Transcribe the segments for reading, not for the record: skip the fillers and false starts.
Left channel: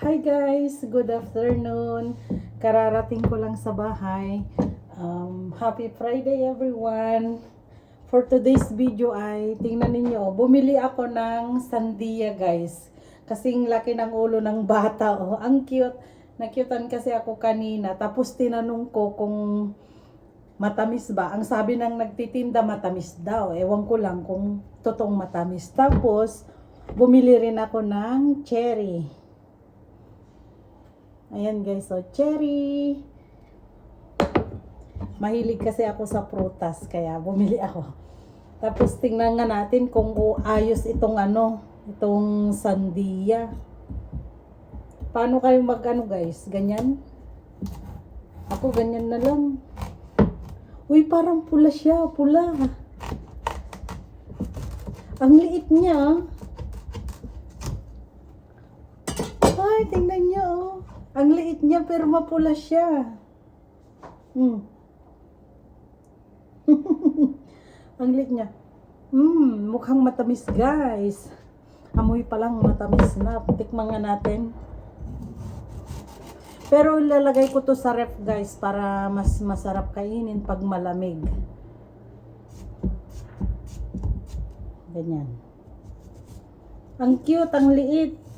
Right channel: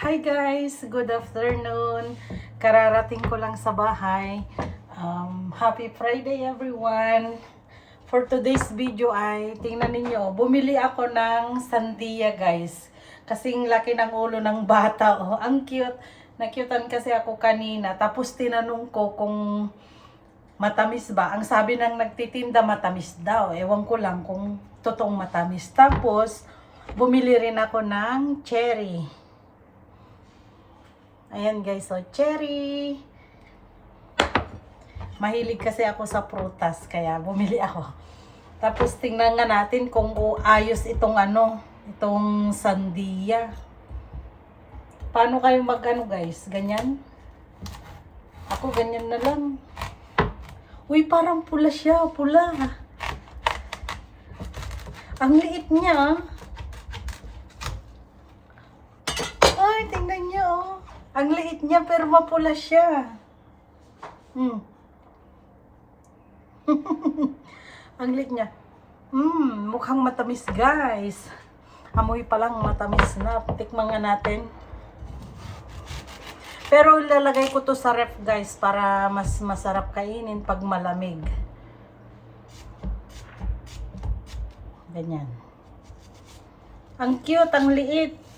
Hi guys, good afternoon. Kararating ko lang sa bahay. Happy Friday everyone. For today's video ay tingnan ninyo, bumili ako ng sandia guys. Kasing laki ng ulo ng bata, oh. Ang cute. Nakyutan kasi ako kanina. Tapos tinanong ko kung matamis ba. Ang sabi ng nagtitinda matamis daw. Ewan ko lang kung totoong matamis. Tapos bumili rin ako ng cherry. Ayan guys, so cherry. Mahilig kasi ako sa prutas, kaya bumili ako. Tapos tingnan nga natin kung ayos itong itong sandia. Paano kayo guys? Ganyan? Ako ganyan na lang. Uy, parang pula siya, pula. Ang liit niya. Ay, tingnan niyo oh. Ang liit niya pero mapula siya. Ang liit niya. Mukhang matamis guys. Amoy pa lang matamis na. Tikman nga natin. Pero ilalagay ko to sa ref guys para mas masarap kainin pag malamig. Ganyan. Ang cute, ang liit.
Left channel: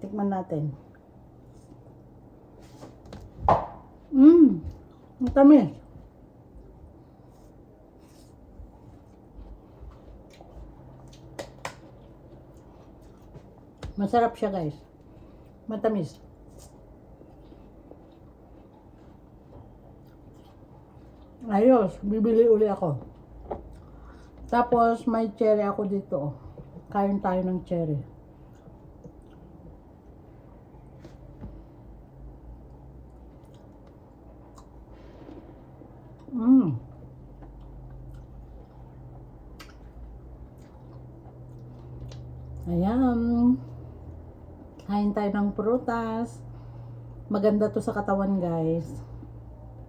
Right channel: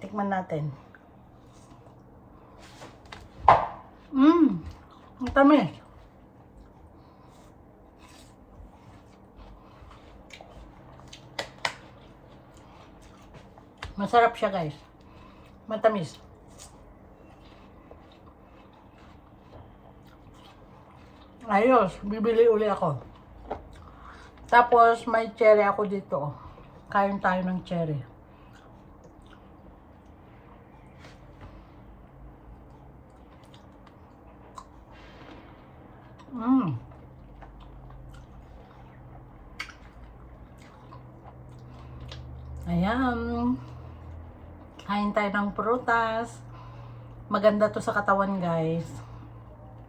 Tikman natin. Ang tamis. Masarap siya guys. Matamis. Ayos, bibili uli ako. Tapos may cherry ako dito. Kain tayo ng cherry. Ayan. Kain tayo ng prutas. Maganda to sa katawan guys.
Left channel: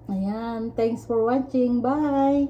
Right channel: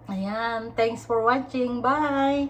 Ayan. Thanks for watching. Bye!